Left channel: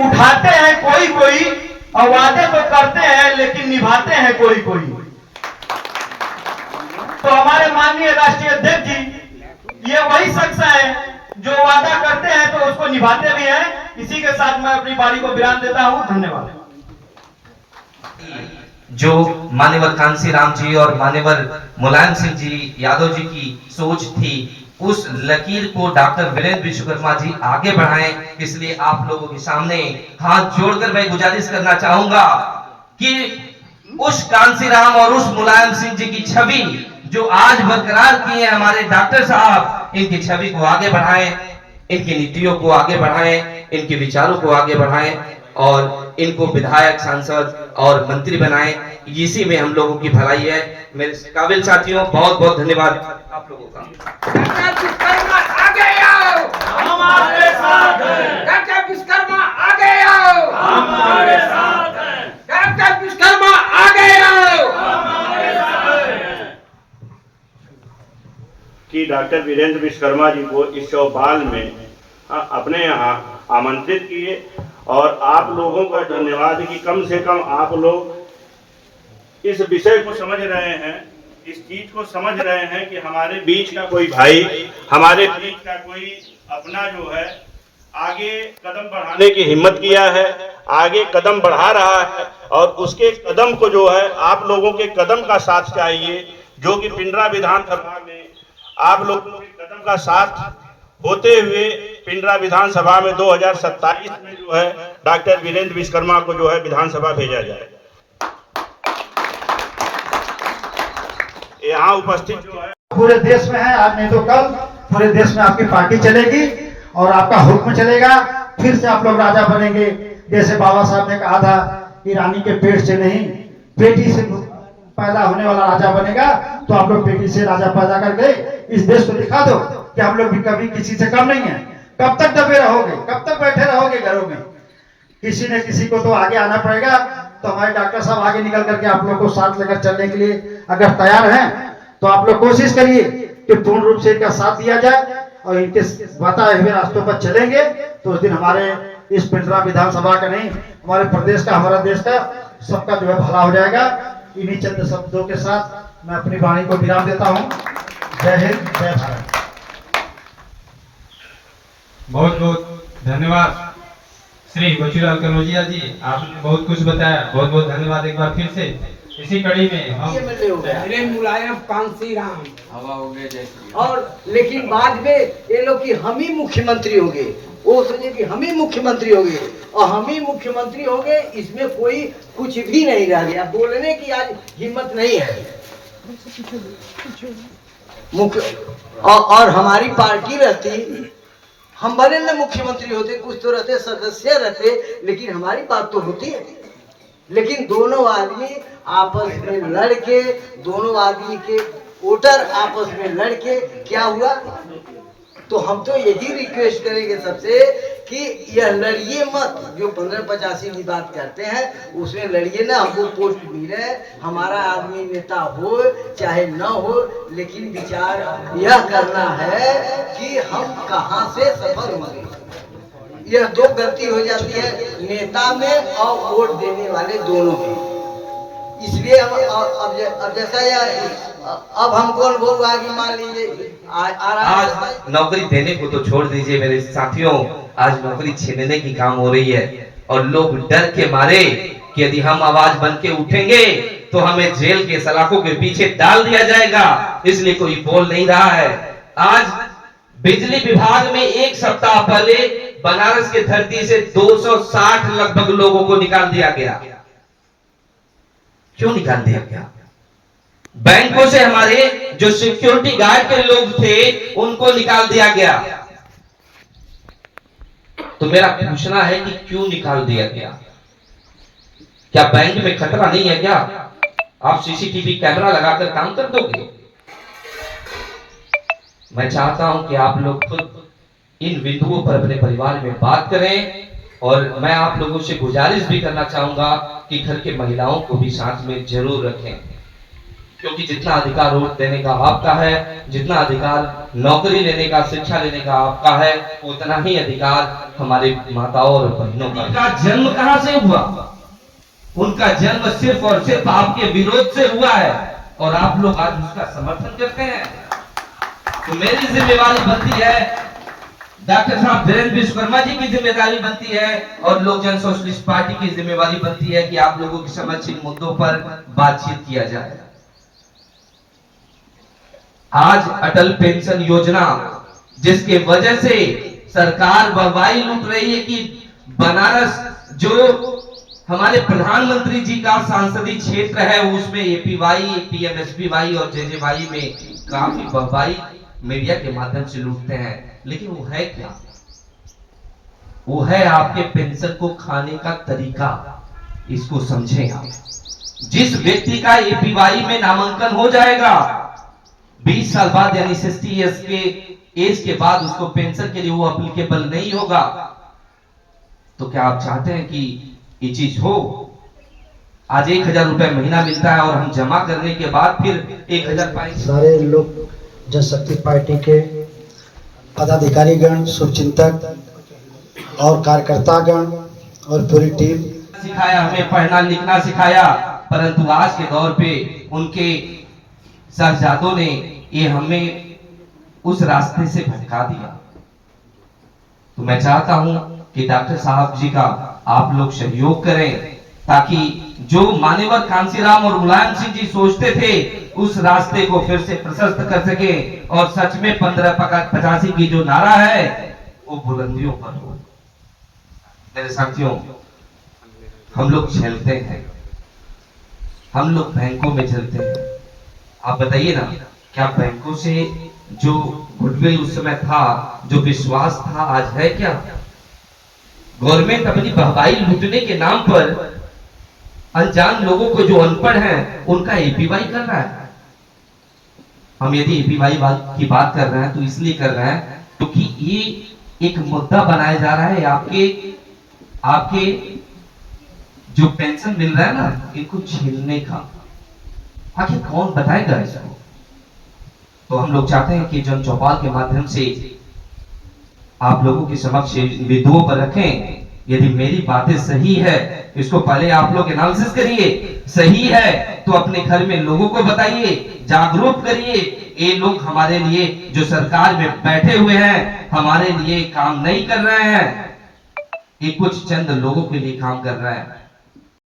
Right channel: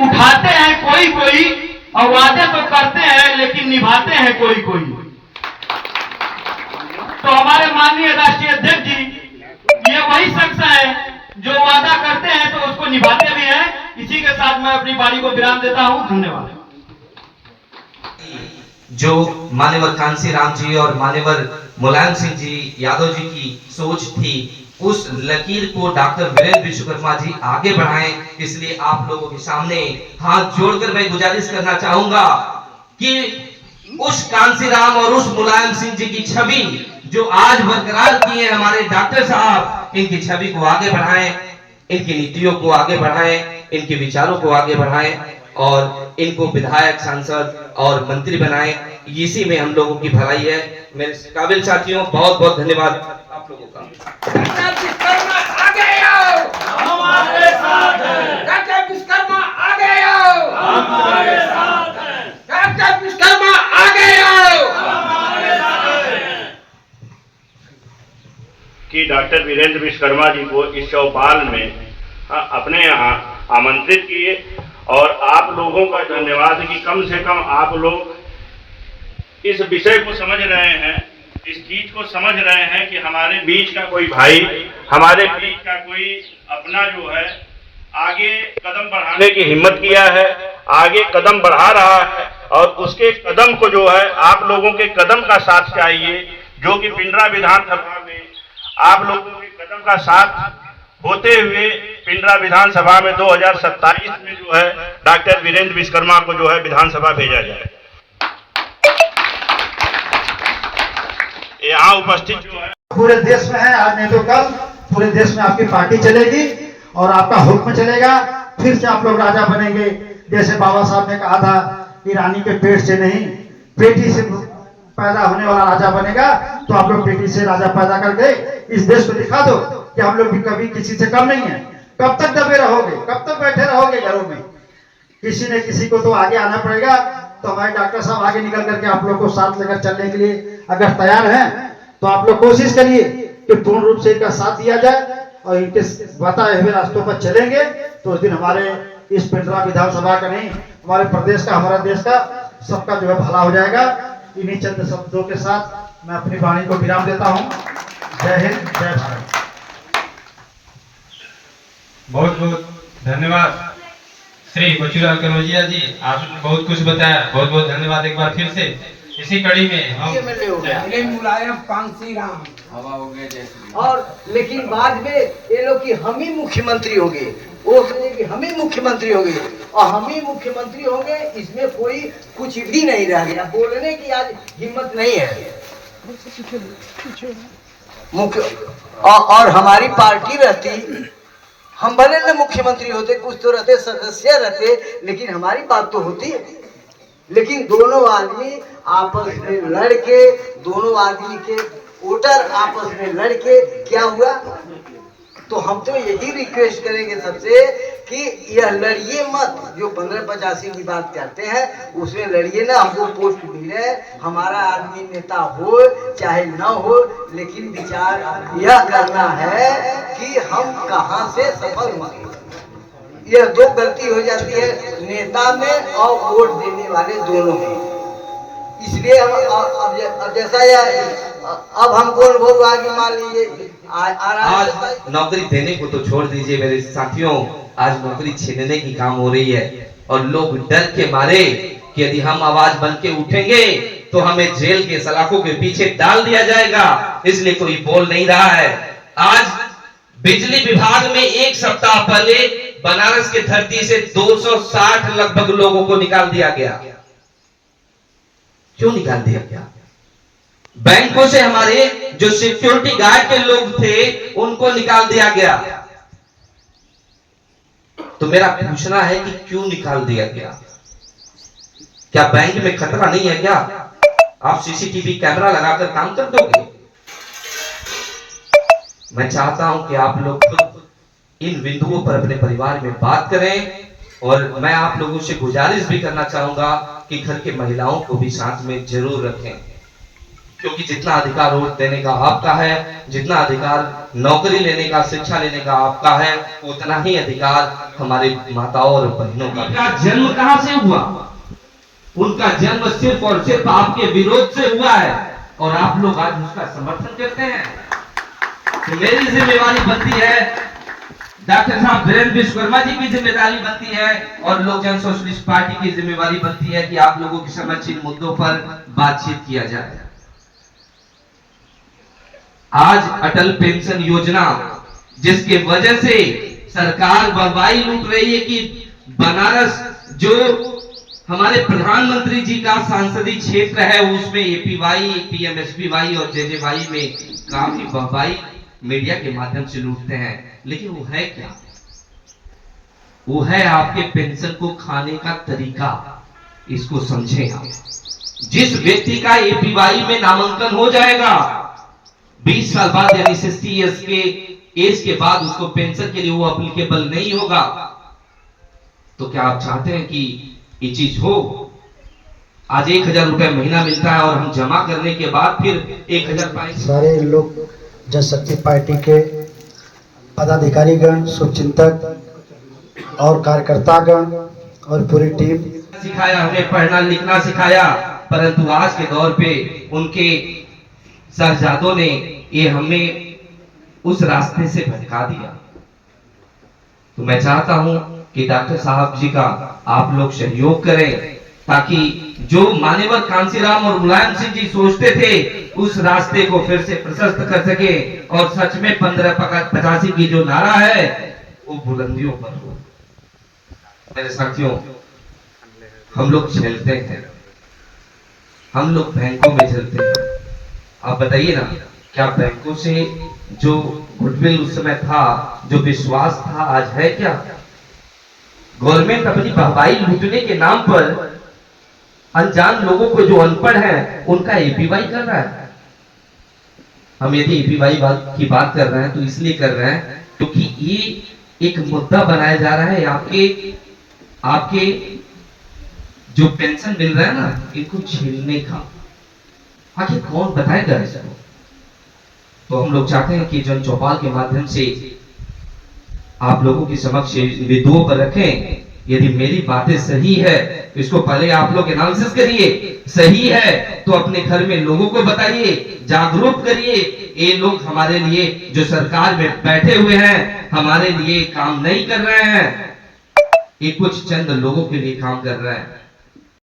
उठाते हैं कोई कोई और वादे तो करते हैं लेकिन निभाते हैं कोई कोई। तो हमारे माननीय राष्ट्रीय अध्यक्ष जी ये वही शख्स है जो वादा करते हैं तो उसको निभाते भी हैं। इसी के साथ मैं अपनी बारी को विराम देता हूं। धन्यवाद। जो मान्यवर कांसीराम जी और मान्यवर मुलायम सिंह जी यादव जी की सोच थी, उस लकीर को डॉक्टर वीरेंद्र विश्वकर्मा जी आगे बढ़ाएं। इसलिए आप लोगों के सामने हाथ जोड़कर मैं गुजारिश करना चाहूंगा कि उस कांसीराम और उस मुलायम सिंह जी की छवि जो आज बरकरार की है हमारे डॉक्टर साहब, इनकी छवि को आगे बढ़ाएं, इनकी नीतियों को आगे बढ़ाएं, इनके विचारों को आगे बढ़ाएं और इनको विधायक, सांसद और मंत्री बनाएं। इसी में हम लोगों की भलाई है। मेरे काबिल साथियों, बहुत बहुत धन्यवाद आप लोगों का। विश्वकर्मा आगे आओ, हम आपके साथ हैं। डॉक्टर विश्वकर्मा आगे आओ, हम आपके साथ हैं। डॉक्टर विश्वकर्मा आगे आओ। कि डॉक्टर वीरेंद्र विश्वकर्मा जी को इस चौपाल में अपने यहाँ आमंत्रित किए और आप लोगों का धन्यवाद कि कम से कम आप लोग इस विषय को समझ रहे हैं, इस चीज को समझ रहे हैं कि हमारे बीच का कोई भाई, हमारे बीच का कोई अपना जो है आगे कदम बढ़ाने की हिम्मत किया है, आगे कदम बढ़ा रहा है और उसके कदम को जो है आप लोगों के कदम का साथ चाहिए, जो कि पिंडरा विधानसभा में आप लोगों के कदम का साथ होते हुए पिंडरा विधानसभा में 2027 में जो है डॉक्टर वीरेंद्र विश्वकर्मा को जो है विधानसभा भेजा जाए। यहाँ उपस्थित जो है पूरे देश में है, आज नहीं तो कल पूरे देश में आपकी पार्टी चलेगी और आपका हुक्म चलेगा। फिर से आप लोग राजा बनेंगे। जैसे बाबा साहब ने कहा था कि रानी के पेट से नहीं बेटी से पैदा होने वाला राजा बनेगा, तो आप लोग बेटी से राजा पैदा करके इस देश को दिखा दो कि हम लोग भी कभी किसी से कम नहीं है। कब तक दबे रहोगे, कब तक बैठे रहोगे घरों में? किसी न किसी को तो आगे आना पड़ेगा। तो हमारे डॉक्टर साहब आगे निकल करके आप लोग को साथ लेकर चलने के लिए अगर तैयार हैं तो आप लोग कोशिश करिए कि पूर्ण रूप से इनका साथ दिया जाए और इनके बताए हुए रास्तों पर चलेंगे तो उस दिन हमारे इस पिंडरा विधानसभा का नहीं, हमारे प्रदेश का, हमारा देश का, सबका जो है भला हो जाएगा। इन्हीं चंद शब्दों के साथ मैं अपनी वाणी को विराम देता हूँ। जय हिंद, जय भारत। बहुत बहुत धन्यवाद श्री बचूलाल कनौजिया जी, आपने बहुत कुछ बताया। बहुत बहुत धन्यवाद एक बार फिर से। इसी कड़ी में हम मुलायम कांसीराम हवा हो गया जैसे। और लेकिन बाद में ये लोग कि हम ही मुख्यमंत्री होंगे, वो समझे कि हम ही मुख्यमंत्री होंगे और हम ही मुख्यमंत्री होंगे, इसमें कोई कुछ भी नहीं रह गया। बोलने की आज हिम्मत नहीं है। मुख्य और हमारी पार्टी रहती, हम भले न मुख्यमंत्री होते, कुछ तो रहते, सदस्य रहते, लेकिन हमारी बात तो होती है। लेकिन दोनों आदमी आपस में लड़के, दोनों आदमी के वोटर आपस में लड़के क्या हुआ? तो हम तो यही रिक्वेस्ट करेंगे सबसे कि यह लड़िए मत। जो 1585 की बात करते हैं उसमें लड़िए ना। हमको पोस्ट मिले, हमारा आदमी नेता हो चाहे न हो, लेकिन विचार यह करना है कि हम कहां से सफल होंगे। यह दो गलती हो जाती है नेता में और वोट देने वाले दोनों में। इसलिए हम अब जैसा अब हम कौन बोल रहा है कि मान लीजिए आज नौकरी देने को तो छोड़ दीजिए मेरे साथियों, आज नौकरी छीनने की काम हो रही है और लोग डर के मारे कि यदि हम आवाज बन के उठेंगे तो हमें जेल के सलाखों के पीछे डाल दिया जाएगा, इसलिए कोई बोल नहीं रहा है। आज बिजली विभाग में एक सप्ताह पहले बनारस की धरती से 260 लगभग लोगों को निकाल दिया गया। क्यों निकाल दिया गया? बैंकों से हमारे जो सिक्योरिटी गार्ड के लोग थे उनको निकाल दिया गया। तो मेरा पूछना है कि क्यों निकाल दिया गया? क्या बैंक में खतरा नहीं है क्या? आप सीसीटीवी कैमरा लगाकर काम कर दोगे? मैं चाहता हूं कि आप लोग खुद इन बिंदुओं पर अपने परिवार में बात करें और मैं आप लोगों से गुजारिश भी करना चाहूंगा कि घर के महिलाओं को भी साथ में जरूर रखें, क्योंकि जितना अधिकार वोट देने का आपका है, जितना अधिकार नौकरी लेने का, शिक्षा लेने का आपका है, उतना ही अधिकार हमारे माताओं और बहनों का। उनका जन्म कहां से हुआ? उनका जन्म सिर्फ और सिर्फ आपके विरोध से हुआ है और आप लोग आज उसका समर्थन करते हैं। तो मेरी जिम्मेवारी बनती है, डॉक्टर साहब वीरेंद्र विश्वकर्मा जी की जिम्मेदारी बनती है और लोक जन सोशलिस्ट पार्टी की जिम्मेवारी बनती है कि आप लोगों के समक्ष इन मुद्दों पर बातचीत किया जाए। आज अटल पेंशन योजना, जिसके वजह से सरकार वाहवाही लूट रही है कि बनारस जो हमारे प्रधानमंत्री जी का सांसदीय क्षेत्र है उसमें एपीवाई, पीएमएसपीवाई और जेजेवाई में काफी वाहवाही मीडिया के माध्यम से लूटते हैं। लेकिन वो है क्या? वो है आपके पेंशन को खाने का तरीका। इसको समझें आप। जिस व्यक्ति का एपीवाई में नामांकन हो जाएगा 20 साल बाद, यानी 60 इयर्स के एज के बाद उसको पेंशन के लिए वो अप्लीकेबल नहीं होगा। तो क्या आप चाहते हैं कि ये चीज हो? आज 1000 रुपए महीना मिलता है और हम जमा करने के बाद फिर 1000 पाएंगे। सारे लोग जनशक्ति पार्टी के पदाधिकारीगण, शुभचिंतक और कार्यकर्तागण और पूरी टीम सिखाया, हमें पढ़ना लिखना सिखाया, परंतु आज के दौर पे उनके साहबजादों ने ये हमें उस रास्ते से भटका दिया। तो मैं चाहता हूं कि डॉक्टर साहब जी का आप लोग सहयोग करें ताकि जो मान्यवर कांसीराम और मुलायम सिंह जी सोचते थे उस रास्ते को फिर से प्रशस्त कर सके और सच में 1585 की जो नारा है वो बुलंदियों पर हो। मेरे साथियों, हम लोग झेलते हैं, हम लोग बैंकों में झेलते हैं। आप बताइए ना, क्या बैंकों से जो गुडविल उस समय था, जो विश्वास था, आज है क्या? गवर्नमेंट अपनी वाहवाही लूटने के नाम पर अनजान लोगों को, जो अनपढ़ हैं, उनका एपीवाई कर रहा है। हम यदि एपीवाई की बात कर रहे हैं तो इसलिए कर रहे हैं क्योंकि ये एक मुद्दा बनाया जा रहा है आपके जो पेंशन मिल रहा है ना, इनको छीनने का। आखिर कौन बताएगा इसको? तो हम लोग चाहते हैं कि जन चौपाल के माध्यम से आप लोगों के समक्ष विदुओं पर रखें। यदि मेरी बातें सही है, इसको पहले आप लोग एनालिसिस करिए। सही है तो अपने घर में लोगों को बताइए, जागरूक करिए। ये लोग हमारे लिए, जो सरकार में बैठे हुए हैं, हमारे लिए काम नहीं कर रहे हैं। ये कुछ चंद लोगों के लिए काम कर रहे हैं।